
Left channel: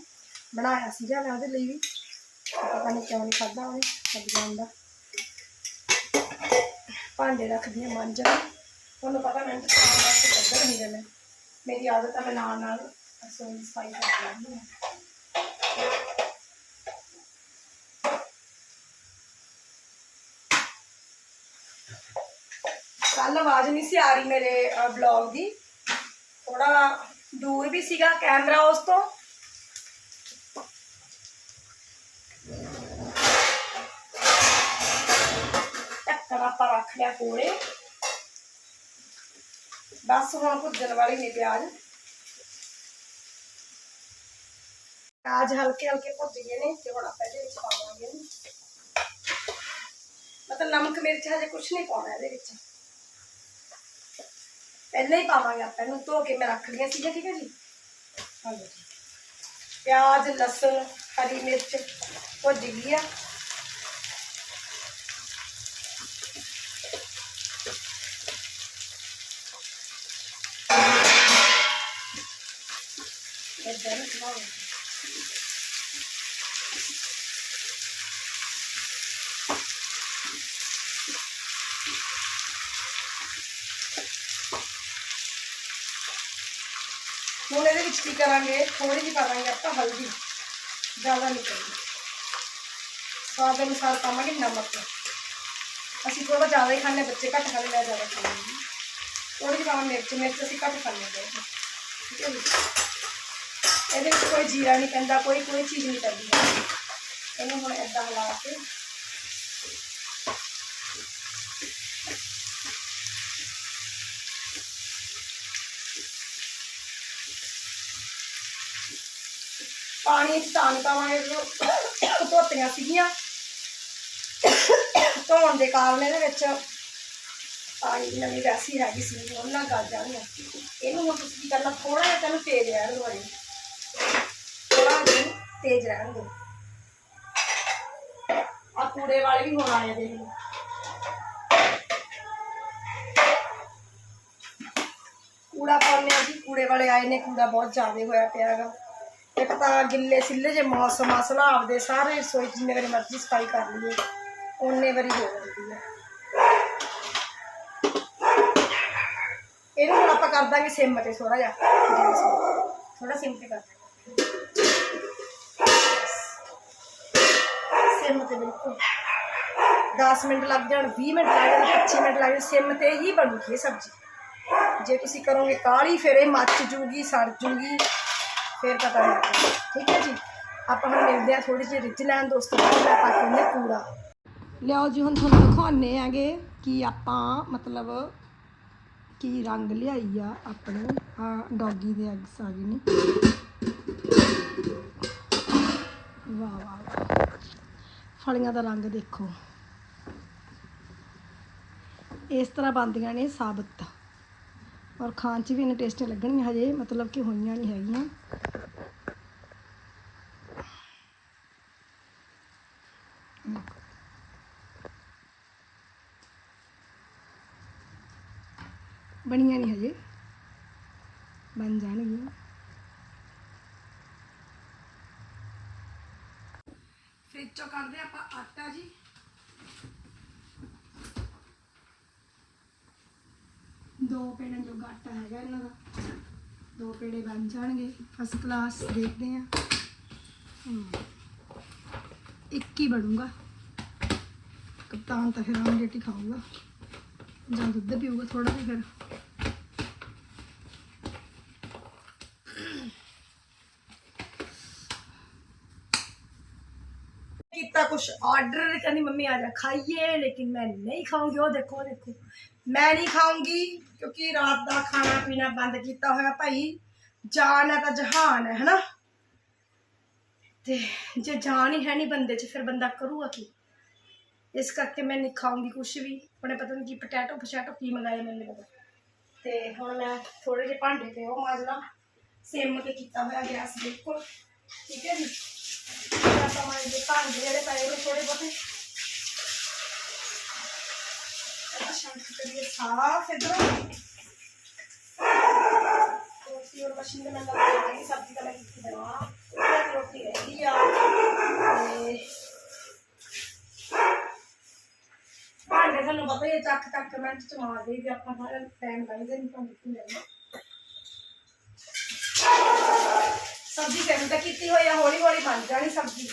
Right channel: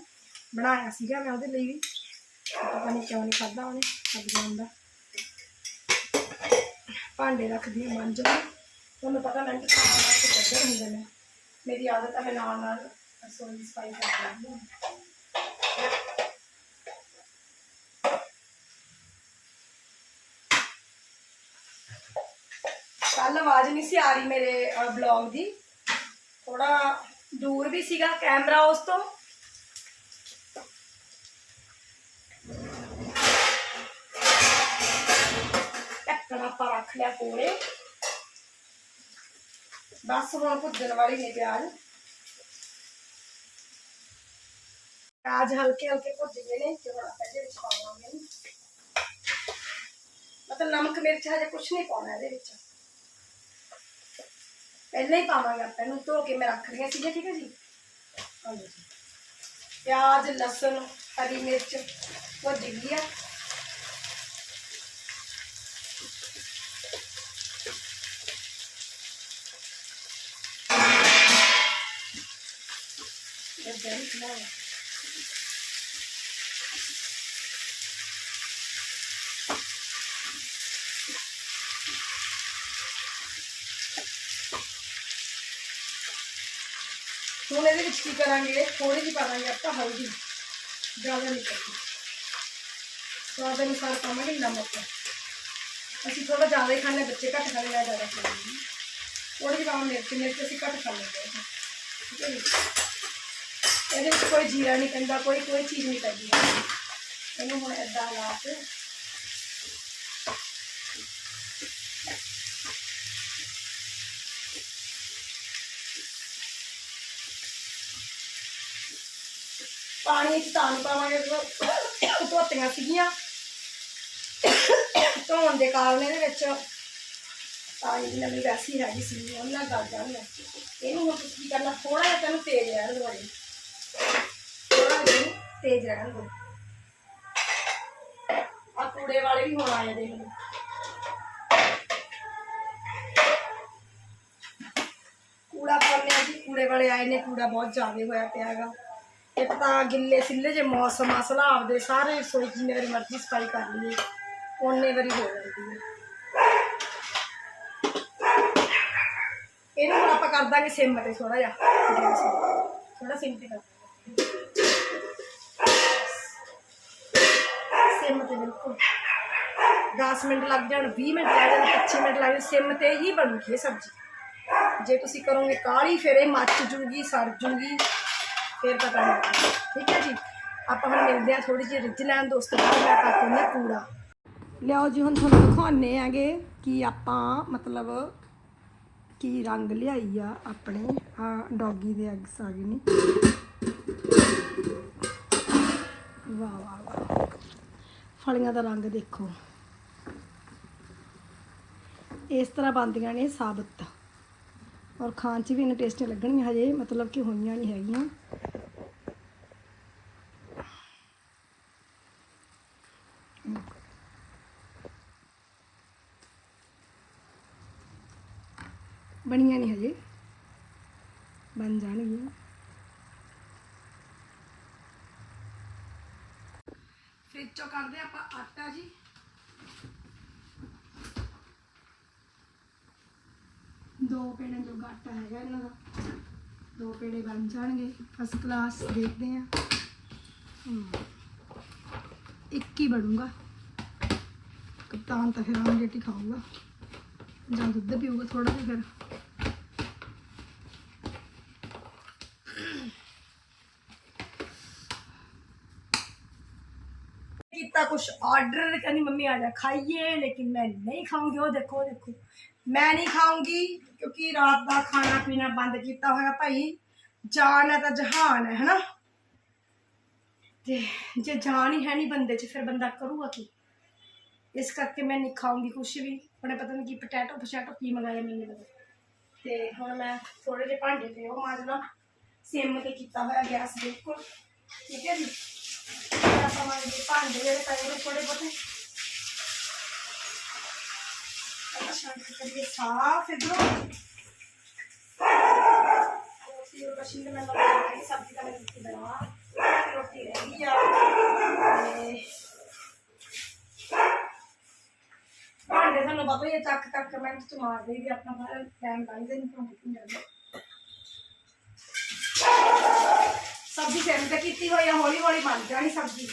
ਬਣਾਇਆ ਸੀਗਾ ਮੈਂ ਉਹਦੇ ਲਈ ਵੀ। ਪਤਾ ਨਹੀਂ ਕਿਉਂ ਨਹੀਂ ਖਾਦਾ ਉਹਨੇ ਸਬਜ਼ੀਆਂ ਦਾ। ਭਾਂਡੇ ਰੱਖਦੀ ਹਾਂ ਮਾਂਜਣ ਤੁਹਾਨੂੰ ਪਤਾ ਮੈਂ ਤਾਂ ਸਾਰਾ ਵਾਸਤੇ ਕੱਢ ਹੁੰਦੇ ਨੇ ਮੇਰੀ ਆਦਤ ਆ, ਮੈਂ ਨਾਲ ਨਾਲ ਰਸੋਈ ਸਫ਼ਾਈ ਕਰ ਹਾਂ। ਕੱਲ ਆਵਾਜ਼ ਨਹੀਂ ਸੀ ਆ ਰਹੀ ਮੇਰੇ ਬਲੌਗ ਦੀ। ਥੋੜਾ ਦੂਰ ਵੀ ਸੀਗਾ ਕੈਮਰਾ ਉਸ ਤੋਂ। ਢੱਕਣ ਆਪਾਂ ਰੱਖ ਲਿਆ ਕੋਲੇ। ਬਸ ਹੁਣ ਭੁੱਜਣ ਵਾਲੀ ਨੇ ਪਿਆਜ਼। ਪਿਆਜ਼ ਹਲਕੇ ਹਲਕੇ ਭੁੱਜ ਗਏ ਨੇ, ਤੇ ਹੁਣ ਆਪਾਂ ਇਹਦੇ ਵਿੱਚ ਪਾਵਾਂਗੇ। ਮਤਲਬ ਨਮਕ ਮਿਰਚ ਹਜੇ ਕੁਝ ਨਹੀਂ ਪਾਉਣਾ ਇਹਦੇ ਵਿੱਚ। ਪਹਿਲਾਂ ਹੀ ਪਾਵਾਂਗੇ ਆਪਾਂ ਇਹਨੂੰ ਧੋ ਕੇ ਮੈਂ ਰੱਖ ਲਿਆ ਸੀਗਾ ਠੀਕ ਹੈ ਜੀ? ਆ ਲਓ ਜੀ। ਪਿਆਜ਼, ਲਸਣ, ਹਰੀ ਮਿਰਚ ਭੁੱਜ ਗਈ ਆ ਏਦਾਂ ਨਹੀਂ ਬਣਾਉਣਾ ਹੁਣ ਇਹਦੇ ਵਿੱਚ ਕੀ ਕਰਾਂਗੇ? ਥੋੜੀ ਜਿਹੀ ਪਾਵਾਂਗੇ ਆਪਾਂ ਹਲਦੀ। ਜ਼ਿਆਦਾ ਨਹੀਂ ਪਾਉਂਦੇ ਸਵਾਦ ਅਨੁਸਾਰ ਪਾਵਾਂਗੇ ਨਮਕ। ਅਸੀਂ ਥੋੜਾ ਜ਼ਿਆਦਾ ਹੀ ਖਾਂਦੇ ਬੱਚੇ ਘੱਟ ਖਾਂਦੇ ਮੈਂ ਜ਼ਿਆਦਾ ਖਾਂਦੀ ਥੋੜੀ ਜਿਹੀ ਪਾਵਾਂ ਮਿਰਚ ਮਿਰਚ ਅਸੀਂ ਘੱਟ ਖਾਂਦੇ ਹਾਂ। ਠੀਕ ਹੈ ਜੀ? ਇਹਦੇ ਵਿੱਚ ਕੋਈ ਜੀਰਾ ਨਹੀਂ ਪੈਂਦਾ, ਕੋਈ ਕੋਈ ਚੀਜ਼ ਨਹੀਂ ਪੈਂਦੀ। ਇਹਨੂੰ ਹੁਣ ਏਦਾਂ ਲਾ ਕੇ ਪਾਣੀ ਚ ਤਾਂ ਨਹੀਂ ਪਾਵਾਂਗੇ, ਜਦੋਂ ਧੋਤੀਆਂ ਸੀਗੀਆਂ। ਧੋਣ ਦੇ ਕਾਰਨ ਇਹਦੇ ਵਿੱਚ ਪਾਣੀ ਦੀ ਨਵੀਂ ਵੈਸੀ ਹੈਗੀ ਸੀ ਉਹਨਾਂ ਗਲ ਜਾਣੀਆਂ ਇਹਨੂੰ ਹੁਣ ਤੁਸੀਂ ਕੀ ਕਰਨਾ ਥੋੜਾ ਜਿਹਾ ਤੈਨੂੰ ਤੇਜ਼ ਰਹਿਣ ਦਿਓ ਅਜੇ ਥੋੜਾ ਜਿਹਾ ਤੇਜ਼ ਰਹਿਣ ਦਿਓ। ਆ ਕੂੜੇ ਵਾਲੇ ਵੀ ਹੁਣ ਆਏ ਦੇਖ ਲਓ। ਕੂੜਾ ਪਾਉਂਦੇ ਆ ਜੀ, ਕੂੜੇ ਵਾਲੇ ਆਏ ਨੇ, ਕੂੜਾ ਬਹੁਤ ਜ਼ਿਆਦਾ ਹੋਇਆ ਪਿਆ ਹੈਗਾ। ਇੱਕ ਤਾਂ ਗਿੱਲੇ ਸਿੱਲੇ ਜੇ ਮੌਸਮ ਆ ਸਲਾਬ ਦੇ ਸਾਰੇ ਰਸੋਈ 'ਚ ਜਿੰਨੇ ਵਾਰੀ ਮਰਜ਼ੀ ਸਫ਼ਾਈ ਕਰ ਲਈਏ, ਓਨੇ ਵਾਰੀ ਹੋ ਜਾਂਦੀ ਹੈ ਇਹਨੂੰ ਹੁਣ ਆਪਾਂ ਕਰ ਦਾਂਗੇ ਸਿਮ ਤੇ ਥੋੜਾ ਜਿਹਾ ਥੋੜਾ ਸਿਮ ਤੇ ਕਰ ਸਿਮ ਤੇ ਬਿਲਕੁਲ। 10 ਮਿੰਟ ਲੱਗ ਜਾਣ 20 ਮਿੰਟ ਲੱਗ ਜਾਣ 25 ਮਿੰਟ ਲੱਗ ਜਾਣ, ਸਿਮ ਤੇ ਹੀ ਬਣੂਗੀ ਸਬਜ਼ੀ। ਜੇ ਤੁਸੀਂ ਕਰੋਗੇ ਕਾਲੀ, ਫਿਰ ਇਹ ਮੱਚ ਜੂਗੀ, ਸੜ ਜੂਗੀ। ਫਿਰ ਪਤਾ ਨਹੀਂ ਠੀਕ ਹੈ ਜੀ? ਆਪਾਂ ਹੁਣ ਮਿਲਦੇ ਆ ਥੋੜੀ ਜਿਹੀ ਰਿੱਝ ਲੈਣ ਦੋਸਤੋ ਬਾਅਦ ਮੈਂ ਪਾ ਕੇ ਕੂੜਾ ਲਿਆਓ ਜੀ, ਹੁਣ ਤੁਹਾਨੂੰ ਦਿਖਾਉਣੇ ਆਗੇ ਕਿ ਆਪਾਂ ਮਤਲਬ ਕੀ ਰੰਗ ਲਿਆਈ ਆ ਆਪਣੇ। ਆ ਡੌਗੀ ਦੇ ਐਗਸ ਆ ਗਏ ਨੇ। ਵਾਹ ਵਾਹ ਵਾਹ। ਫਲੀਆਂ ਦਾ ਰੰਗ ਦੇਖੋ। ਇਸ ਤਰ੍ਹਾਂ ਬਣਦੀਆਂ ਨੇ ਸਾਬਤ। ਔਰ ਖਾਣ 'ਚ ਵੀ ਇਹਨੇ ਟੇਸਟੀ ਲੱਗਣਗੀਆਂ ਹਜੇ ਮਤਲਬ ਕਿ ਹੋਈਆਂ ਨਹੀਂ ਹੈਗੀਆਂ ਬਣੀਆਂ ਨਹੀਂ ਹਜੇ ਬਣ ਜਾਣਗੀਆਂ ਫ੍ਰਿਜ ਆਪਾਂ ਆਟਾ ਜੀ। ਦੋ ਪੇੜੇ ਜੋ ਆਟਾ ਹੈਗਾ ਇਹਨਾਂ ਦਾ। ਦੋ ਪੇੜੇ ਬਣ ਜਾਣਗੇ। ਫਸਟ ਕਲਾਸ ਦੇਖਦੇ ਆ ਇੱਕ ਹੀ ਬਣੂਗਾ। ਕਪਤਾਨ ਤਾਂ ਫਿਰ ਆਮਲੇਟ ਰੇਟੀ ਖਾਊਗਾ। ਜਾਂ ਦੁੱਧ ਪੀਊਗਾ ਥੋੜਾ ਜਿਹਾ ਫਿਰ। कुछ ऑर्डर कहनी मम्मी आ जा, खाइए, लेकिन मैं नहीं खाऊँगी। वो देखो देखो। मैं नहीं खाऊँगी, क्योंकि रात का खाना पीना बंद किया होगा भाई। जान है तो जहान है ना? तो जो जान ही है नहीं बंद च, फिर बंदा करूँगा कि? इस करके मैं नहीं खाऊँगी कुछ भी। उन्हें पता नहीं कि पटैटो पटैटो की मंगाए मैं नहीं पता। तो हम मैं थोड़े जे भांडे पे हो मजना। सिम के किया हो गैस बिल्कुल, ठीक है जी? भांडे भांड ਥੋੜੇ ਬਹੁਤੇ। ਦਾ ਭਾਂਡੇ ਸਾਨੂੰ ਪਤਾ ਹੀ ਚੱਕ ਚੱਕ ਮੈਂ ਚ ਭਾਂਡੇ ਸਬਜ਼ੀ ਸੈਂਟ ਕੀਤੀ ਹੋਈ ਆ ਹੌਲੀ ਹੌਲੀ ਬਣ ਜਾਣੀ ਸਬਜ਼ੀ।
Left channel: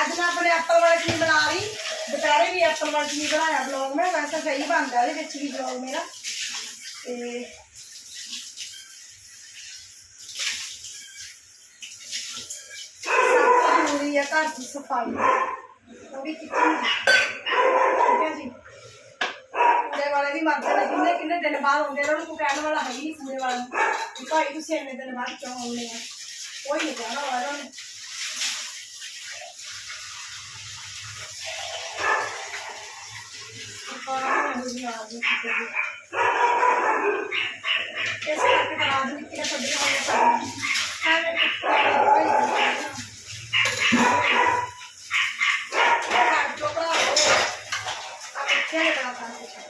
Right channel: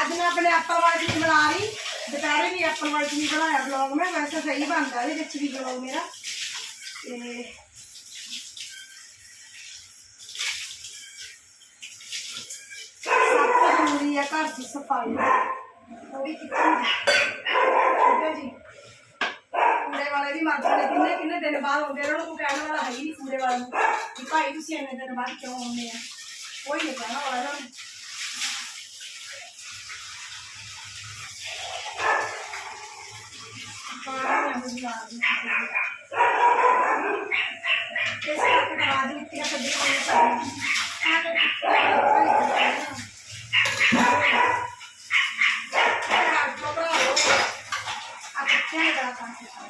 ਅੱਜ ਮੈਂ ਆਪਣੇ ਐਪਲ ਵਾਲੀ ਚਟਨੀ ਬਣਾ ਰਹੀ ਦੁਪਹਿਰੇ ਵੀ ਐਪਲ ਵਾਲੀ ਚਟਨੀ ਬਣਾਇਆ ਬਲੌਗ ਮੈਂ, ਵੈਸੇ ਸਹੀ ਬਣਦਾ ਇਹਦੇ ਵਿੱਚ ਵੀ ਬਲੌਗ ਮੇਰਾ। ਤੇ ਸਭ ਜ਼ਰੂਰੀ ਹੈ ਘਰ ਦੀ ਸਫ਼ਾਈ। ਥੋੜੀ ਕਿਚਨ ਠੀਕ ਹੈ ਜੀ। ਕੂੜੇ ਵਾਲੇ ਵੀ ਮਰ ਜਾਂਦੇ ਕਿੰਨੇ ਕਿੰਨੇ ਦਿਨ ਬਾਅਦ ਆਉਂਦੇ ਉਹਨਾਂ ਨੂੰ ਕਹਿਣ ਵਾਲਾ ਹੈ ਹੀ ਨਹੀਂ ਕੂੜੇ ਵਾਲੇ। ਨੂੰ ਭਾਈ ਤੁਸੀਂ ਇੰਨੇ ਦਿਨ ਬਾਅਦ ਕਿਉਂ ਆਉਂਦੇ ਆ? ਕੋਈ ਨਹੀਂ ਕਹਿਣਾ ਵਾਲਾ ਉਹਨਾਂ ਨੂੰ। ਇਸ ਕਰਕੇ ਤਾਂ ਰਾਜਨੀਤੀਆਂ ਛੱਡੀਆਂ ਹੋਈਆਂ ਸਾਡੀਆਂ ਐਵੇਂ ਕੁੱਤਾ ਭਾਈ ਘਰ ਚੋਂ ਭਰਾਵੋ, ਆਹ ਬੱਚਿਆਂ ਨੇ ਬੜਾ ਤੰਗ ਕੀਤਾ।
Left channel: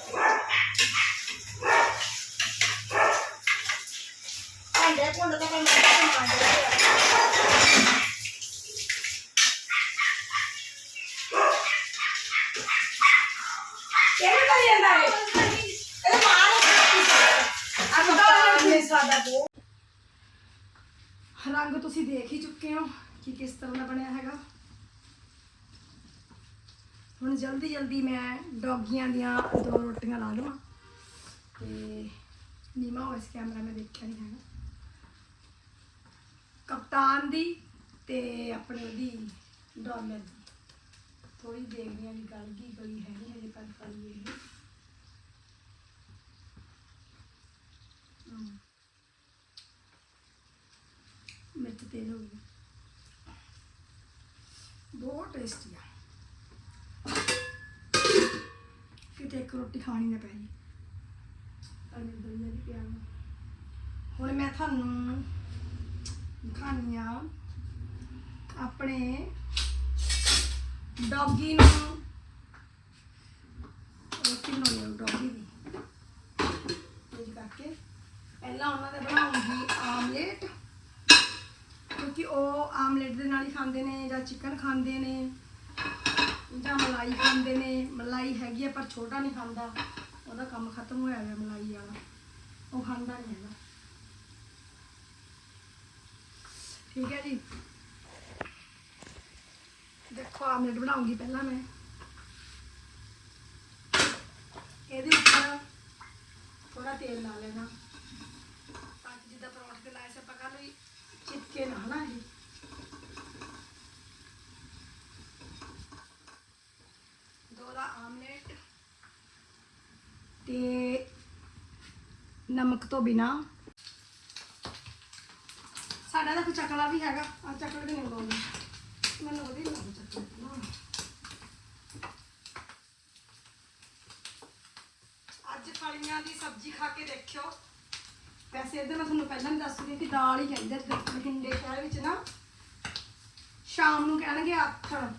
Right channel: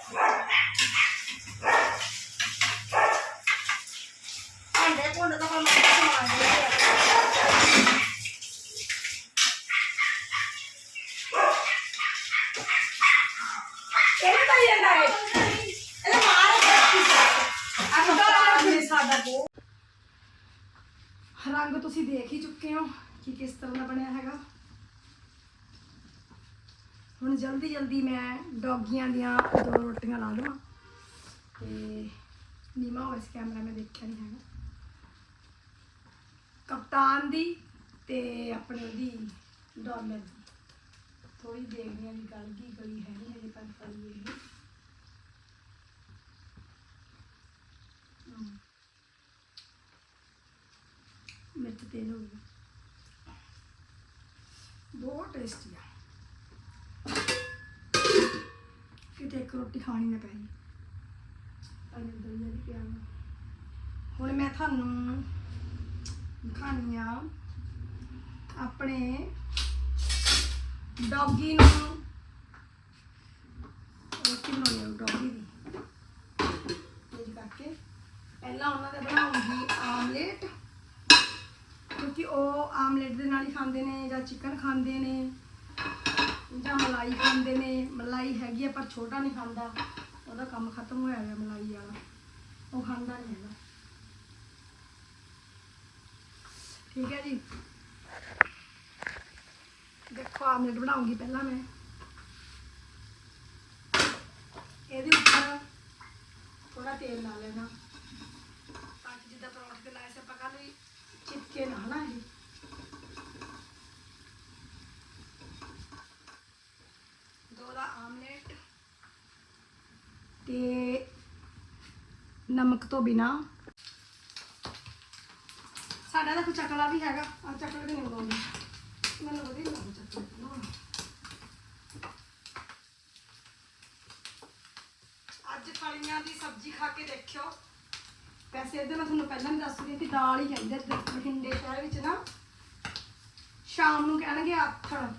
ਭਾਂਡੇ ਭੁੰਡ ਤਾਂ ਮੈਂ ਮਾੜਾ ਸਮਾਨ ਦੇ ਲਿਆ। ਕਿਹਨੇ ਕਰੀ ਜਾਂਦਾ ਏ? ਇਹਦੇ ਮਾਰ ਆ ਮੁੰਡਾ ਨਹੀਂ ਸਾਦਾ ਕੋ ਰੰਗ ਤੁਸੀਂ ਦੇਖ ਹੀ ਚੁੱਕੇ ਹੋ ਕਿ ਕਿਸ ਤਰ੍ਹਾਂ ਦਾ ਬਣਿਆ ਹੈਗਾ ਹੁਣ ਜਲਦੀ ਜਲਦੀ ਮੈਂ ਡੌਗੀਆਂ ਦੀਆਂ ਦੋ ਰੋਟੀਆਂ ਲਾ ਲਵਾਂ। ਤੇ ਨੀਮਾ ਹੋਇਆ ਕੈਮਰਾ ਮੈਂ ਦੇਖਿਆ ਨਹੀਂ ਹੈਗਾ। ਕਪਤਾਨ ਦੀ ਤੇ ਆਪਣੇ ਉਹਦੀ ਡਾਲਰ ਦੀ। ਥੋੜੀ ਦੇਖਦੇ ਆ ਵੀ ਗਲ ਗਈ ਹੈ ਨਹੀਂ ਹਜੇ ਪਰ ਕਰ ਲਈ ਮਿਰਚ ਤੇਜ਼ ਹੋ ਗਈ। ਬਹੁਤ ਟੇਸਟੀ ਇੱਕ ਰੋਟੀ ਖਾਣੀ ਨਾ ਪੈ ਜੇ। ਅੰਦਰ ਦਲੀਆ ਵੀ ਪਿਆ ਵਾ। ਹੁਣ ਮੈਂ ਤੁਹਾਨੂੰ ਦਿਖਾਉਂਦੀ ਆ ਆਪਣੇ ਡੌਗੀ ਨੂੰ। ਰੋਟੀ ਬਣਾਉਣੀ ਆ ਡੌਗੀ ਦੀ? ਇਹ ਕਰਕੇ ਪਹਿਲਾਂ ਉਹਨਾਂ ਦਾ ਬਣਾਉਂਗੀ ਆਮਲੇਟ, ਕਿਉਂਕਿ ਉਹ ਆਮਲੇਟ ਦੇ ਨਾਲ ਹੀ ਖਾਂਦੇ ਨੇ ਜਾਂ ਚਿਕਨ ਖਾਂਦੇ ਨੇ। ਜਾਂ ਮਲਾਈ ਖਾਂਦੇ ਨੇ, ਮਲਾਈ ਹੈਗੀ ਆ ਪਰ ਛੋਟਾ ਨਹੀਂ ਖਾਂਦਾ। ਉਹਦਾ ਕੰਮ ਖਤਮ ਹੋਇਆ ਗਿਆ ਮਲਾਈ ਵਾਲਾ। ਉਹ ਖਾਂਦਾ ਨਹੀਂ ਹੈਗਾ। ਠੀਕ ਹੈ ਜੀ। ਦੇਖੋ ਆਮਲੇਟ ਬਣਾਉਂਗੀ ਪਹਿਲਾਂ ਮੈਂ ਇਹਦੇ ਉੱਪਰ ਥੋੜਾ ਤੇਲ ਲਾ ਲੈਣਾ ਤਾਂ ਕਿ ਜਿੱਦਾਂ ਪਰੌਂਠੇ ਤੇ ਲਾਏ ਸੀ ਆਪਾਂ ਕੱਲ ਵੀ ਚਿਪਕੇ ਨਾ ਹਨਾ ਇਹ ਦੋ ਦਾ ਆਮਲੇਟ ਨਮਕ ਤੋਂ ਬਿਨਾ। ਸਾਡਾ ਤਾਂ ਕੋਈ ਵੀ ਹੈਗਾ। ਆ ਚੱਕਲਾ ਨਹੀਂ। ਬਣਾਉਂਦਾ ਮੈਨੂੰ ਵਧੀਆ ਲੱਗਦਾ ਚੱਕਲਾ ਅੱਜ ਫਲੀਆਂ ਦੀ ਸਬਜ਼ੀ ਖਾ ਕੇ ਦੇਖਿਓ। ਵੈਸੇ ਇਹਦੇ ਮੈਂ ਤੁਹਾਨੂੰ ਪਹਿਲਾਂ ਵੀ ਦੱਸ ਰਹੀ ਕਿ ਦਾਲ ਹੀ ਕਹਿੰਦੇ ਤੇ ਬਠਿੰਡੇ ਸ਼ਹਿਰ ਵਿੱਚ ਨਾ ਸ਼ਾਮ ਨੂੰ ਕਹਿਣਗੇ ਆਥਣ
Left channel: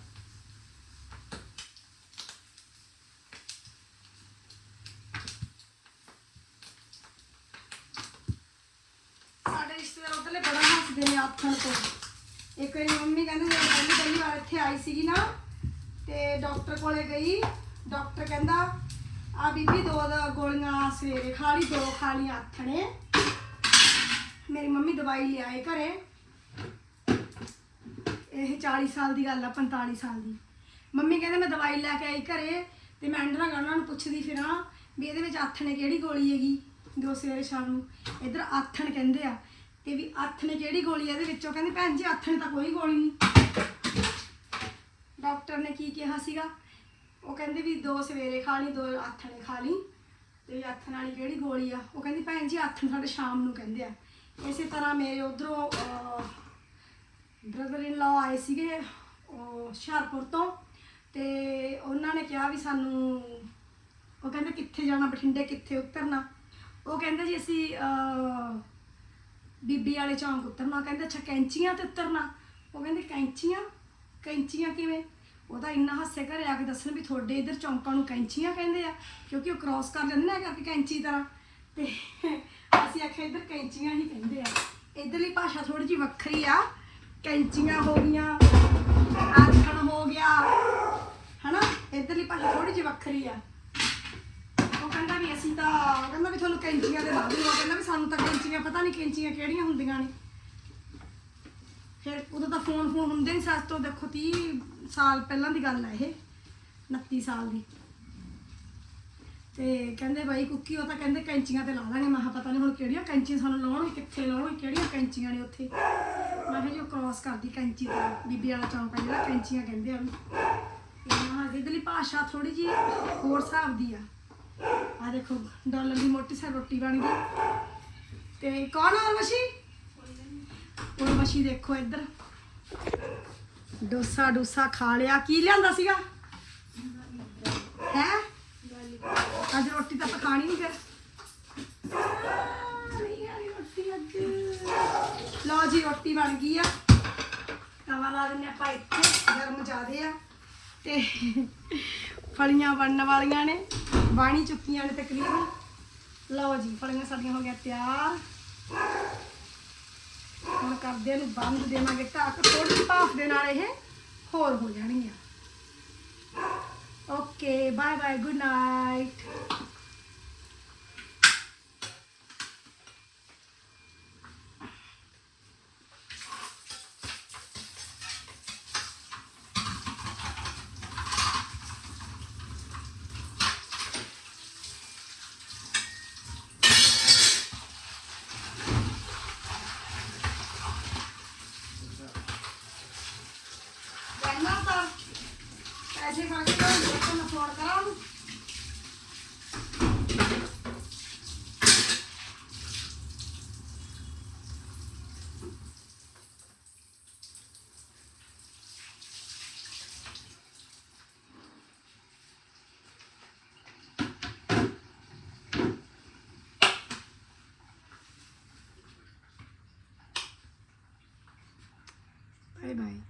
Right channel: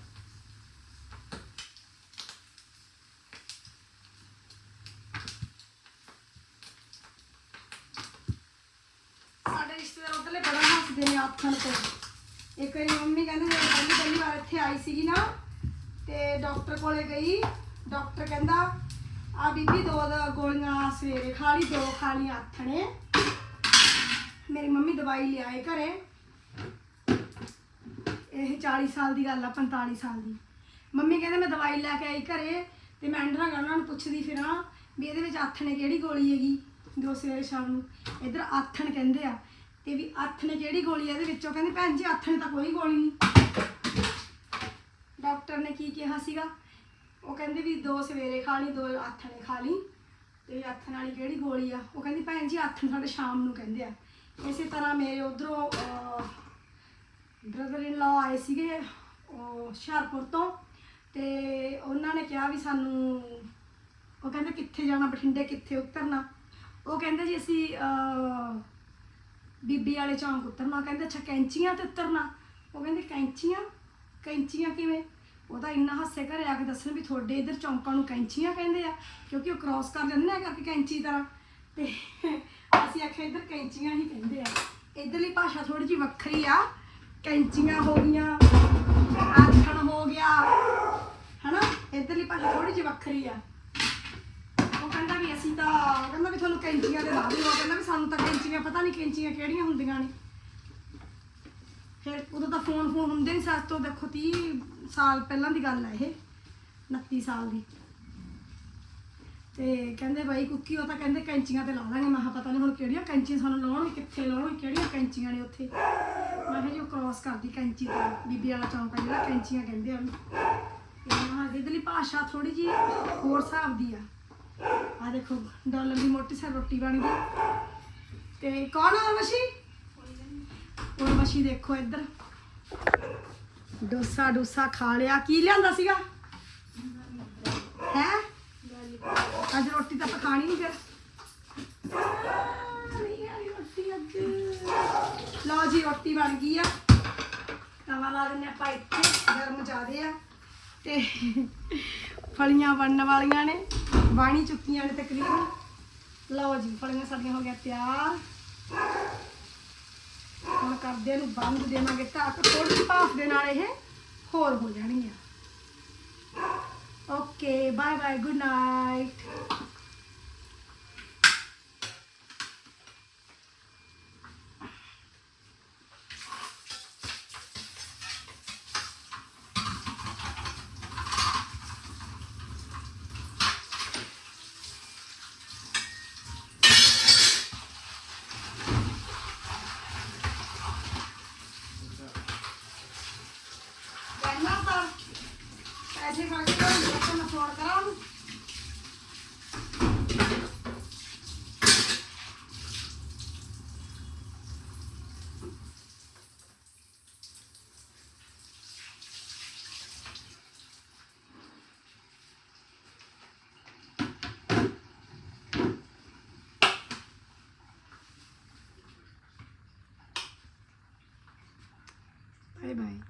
ਸਾਡੇ ਰਿਸ਼ਤੇਦਾਰ ਉਧਰਲੇ ਬੜਾ ਹੱਸਦੇ ਨੇ ਆਥਣ ਤੋਂ ਇੱਕ ਵਾਰੀ ਮੰਮੀ ਕਹਿੰਦੇ ਮੈਂ ਪਹਿਲੀ ਪਹਿਲੀ ਵਾਰ ਇੱਥੇ ਆਈ ਸੀਗੀ ਨਾ, ਤੇ ਡਾਕਟਰ ਕੋਲੇ ਗਈ। ਡਾਕਟਰ ਕਹਿੰਦਾ, ਆ ਬੀਬੀ ਦੋ ਦੋ ਗੋਲੀਆਂ ਸਵੇਰੇ ਖਾ ਲਈ, ਦੋ ਖਾ ਲਈ ਆਥਣੇ। ਮੇਰੀ ਮੰਮੀ ਦਵਾਈ ਆਏ ਘਰੇ। ਇਹ 40 ਸਾਲ ਦੀ ਗੱਲ ਆ 45 ਸਾਲ ਦੀ। ਮੰਮੀ ਕਹਿੰਦੇ ਮੈਂ ਦਵਾਈ ਲੈ ਕੇ ਆਈ ਘਰੇ, ਤੇ ਮੈਂ ਅੰਡਰਾਂ ਉਹਨਾਂ ਨੂੰ ਪੁੱਛਦੀ ਫਿਰਾਂ ਵੀ ਇਹਦੇ ਵਿੱਚ ਆਥਣੇ ਕਿਹੜੀ ਗੋਲੀ ਹੈਗੀ ਦੋ ਸਵੇਰੇ ਸ਼ਾਮ ਨੂੰ। ਇਧਰ ਆਥਣ ਕਹਿੰਦੇ ਆ ਤੇ ਵੀ ਆਥਣੇ ਕਿਹੜੀ ਗੋਲੀ ਹੈ ਇਹਦੇ ਵਿੱਚੋਂ ਕਹਿੰਦੀ ਭੈਣ ਜੀ ਆਥਣੇ ਤਾਂ ਕੋਈ ਗੋਲੀ ਨਹੀਂ। ਡਾਕਟਰ ਨੇ ਕੀ ਕਿਹਾ ਸੀਗਾ? ਉਹ ਕਹਿੰਦੇ ਵੀ ਦੋ ਸਵੇਰੇ ਖਾ ਲਈ, ਦੋ ਆਥਣੇ ਖਾ ਲਈ। ਤੇ ਵੀ ਆਥਣ ਵਾਲੀ ਕਿਹੜੀ ਗੋਲੀ ਆ? ਉਹ ਕਹਿੰਦੀ ਭੈਣ ਜੀ ਆਥਣ ਸਾਡੇ ਸ਼ਾਮ ਨੂੰ ਕਹਿੰਦੇ ਆ। ਇਸੇ ਤਰ੍ਹਾਂ ਮੇਰੇ ਉਧਰੋਂ ਬ੍ਰਦਰ ਇਨ ਲਾ ਆਏ ਸੀਗੇ, ਉਹ ਹੁਸ਼ਿਆਰਪੁਰ ਤੋਂ। ਤੇ ਉਹਨਾਂ ਨੇ ਕਿਹਾ ਵੀ ਸਾਨੂੰ, ਉਹ ਕਹਿੰਦੇ ਕਿੱਥੇ ਜਾਣਾ, ਬਠਿੰਡੇ ਕਿੱਥੇ ਉਤਰਨਾ? ਉਹ ਕਹਿੰਦੇ ਜੀ ਅਸੀਂ ਬੀਬੀ ਵਾਲੇ ਚੌਂਕ ਉਤਰਨਾ, ਕਹਿੰਦੇ, ਅੱਛਾ, ਕੈਂਚੀਆਂ ਤੇ ਉਤਰਨਾ? ਉਹ ਕਹਿੰਦੇ, ਕੈਂਚੀਆਂ? ਕੈਂਚੀਆਂ ਕਿਵੇਂ? ਉਹਦਾ ਇੰਨਾ ਹਾਸੇ ਘਰੇ ਆ ਕੇ ਦੱਸਣ ਵੀ ਤੁਹਾਡੇ ਇਧਰ ਚੌਂਕਾਂ ਨੂੰ ਕੈਂਚੀਆਂ ਕਹਿੰਦੇ ਆ, ਕਿਉਂਕਿ ਉਹ ਕ੍ਰਾਸ ਕਰ ਲੈਂਦੇ ਨੇ ਕਰਕੇ ਕੈਂਚੀ ਤਰ੍ਹਾਂ। ਤੇ ਅਸੀਂ ਆਖਿਆ, ਇਧਰ ਕੈਂਚੀਆਂ ਹੀ ਕਹਿੰਦੇ ਆ। ਇਧਰਲੀ ਭਾਸ਼ਾ ਥੋੜੀ ਜਿਹੀ ਵੱਖਰੀ ਆ। ਕੈਂਚੀਆਂ ਹੋ ਗਈਆਂ ਆਖਣ ਹੋ ਗਿਆ, ਹਨਾ? ਇਧਰਲੀ ਭਾਸ਼ਾ ਥੋੜੀ ਜਿਹੀ ਵੱਖਰੀ ਆ ਉਹ ਕਹਿੰਦਾ ਵੀ ਅਸੀਂ ਤਾਂ ਉਹ ਕਹਿੰਦਾ ਵੀ ਤੁਹਾਨੂੰ ਕੈਂਚੀਆਂ ਦੇ ਬਾਅਦ ਉਹ ਕਹਿੰਦਾ ਵੀ ਸਾਨੂੰ ਤਾਂ ਕੈਂਚੀਆਂ, ਪਤਾ ਨਹੀਂ ਕੈਂਚੀਆਂ ਕਿਹੜੀਆਂ ਹੁੰਦੀਆਂ ਨੇ। ਫਿਰ ਉਦੋਂ ਤਾਂ ਫੋਨ ਫੋਨ ਹੁੰਦੇ ਨਹੀਂ ਸੱਚ ਤੋਂ ਦੇਖੋ 30 ਸਾਲ ਪਹਿਲਾਂ ਦੀ ਗੱਲ ਹੈ ਇਹ 29 ਸਾਲ ਦੀ। ਤੇ ਕਹਿੰਦੇ ਬਾਈ ਕੁੱਕੀ, ਉਹ ਤਾਂ ਕਹਿੰਦੇ ਕੈਂਚੀਆਂ ਤੇ ਲਾ ਲਾਂਗੇ ਮੈਂ ਕਿਹਾ, ਪਤਾ ਨਹੀਂ ਹੁਣ ਕਿਹੜੀਆਂ ਕੈਂਚੀਆਂ ਸਾਨੂੰ ਲਾਉਣ, ਕਿੱਥੇ ਲਾਉਣ, ਕਿਹੜੀਆਂ ਕੈਂਚੀਆਂ ਨੇ ਉੱਥੇ। ਮੈਂ ਕਿਹਾ ਜੀ, ਉਹ ਕ੍ਰਾਸ ਕਰਦੀ ਕੈਂਚੀ ਦਾ ਬੀਬੀ ਵਾਲਾ ਚੌਂਕ ਹੈ ਜਿਹੜਾ ਕੈਂਚੀਆਂ ਕਹਿੰਦੇ ਆ ਇਹਦੇ ਲਈ ਭਾਸ਼ਾ ਥੋੜੀ ਜੀ ਹੋਰ ਹਿਸਾਬ ਦੀ ਆ। ਆ ਦੇਖੋ ਡਾਲਰ ਦੀ ਮੋਟੀ ਸਾ ਰੋਟੀ ਬਣ ਗਈ। ਤੇ ਕੌਣ ਆ ਮਸ਼ੀ ਇਹ ਮਸ਼ੀ ਦੇਖੋ ਇੱਧਰ। ਡੋਸਾ ਡੂਸਾ ਖਾ ਲਿਆ। ਕੀ ਲਿਆਂਦਾ ਸੀਗਾ? ਹੈ? ਅੱਜ ਰੋਟੀ ਤਾਂ ਪਕਾਣੀ ਨਹੀਂ ਫਿਰ। ਲਓ ਜੀ, ਰੋਟੀ ਬਣ ਗਈ ਆ। ਤਵਾ ਲਾ ਦਿੰਨੇ ਆਪਾਂ ਇੱਥੇ, ਗਰਮ ਜ਼ਿਆਦੇ ਆ। ਤੇ ਫਲੀਆਂ ਬਣਨ ਵਾਲੀਆਂ ਨੇ। ਬਣੀ ਚੁੱਕੀਆਂ ਨੇ ਤਕਰੀਬਨ ਲਓ ਜੀ ਫਲੀਆਂ ਸਾਡੀਆਂ ਹੋ ਗਈਆਂ ਤਿਆਰ ਹੁਣ ਕਰਦੇ ਨੇ ਬੰਦ ਦੇਵਾਂਗੇ ਢੱਕ ਥੋੜੀ ਜਿਹੀ ਭਾਫ ਦੇ ਨਾਲ ਇਹ ਹੋਰ ਹੋ ਜਾਣਗੀਆਂ okay bye bye good night 拜拜。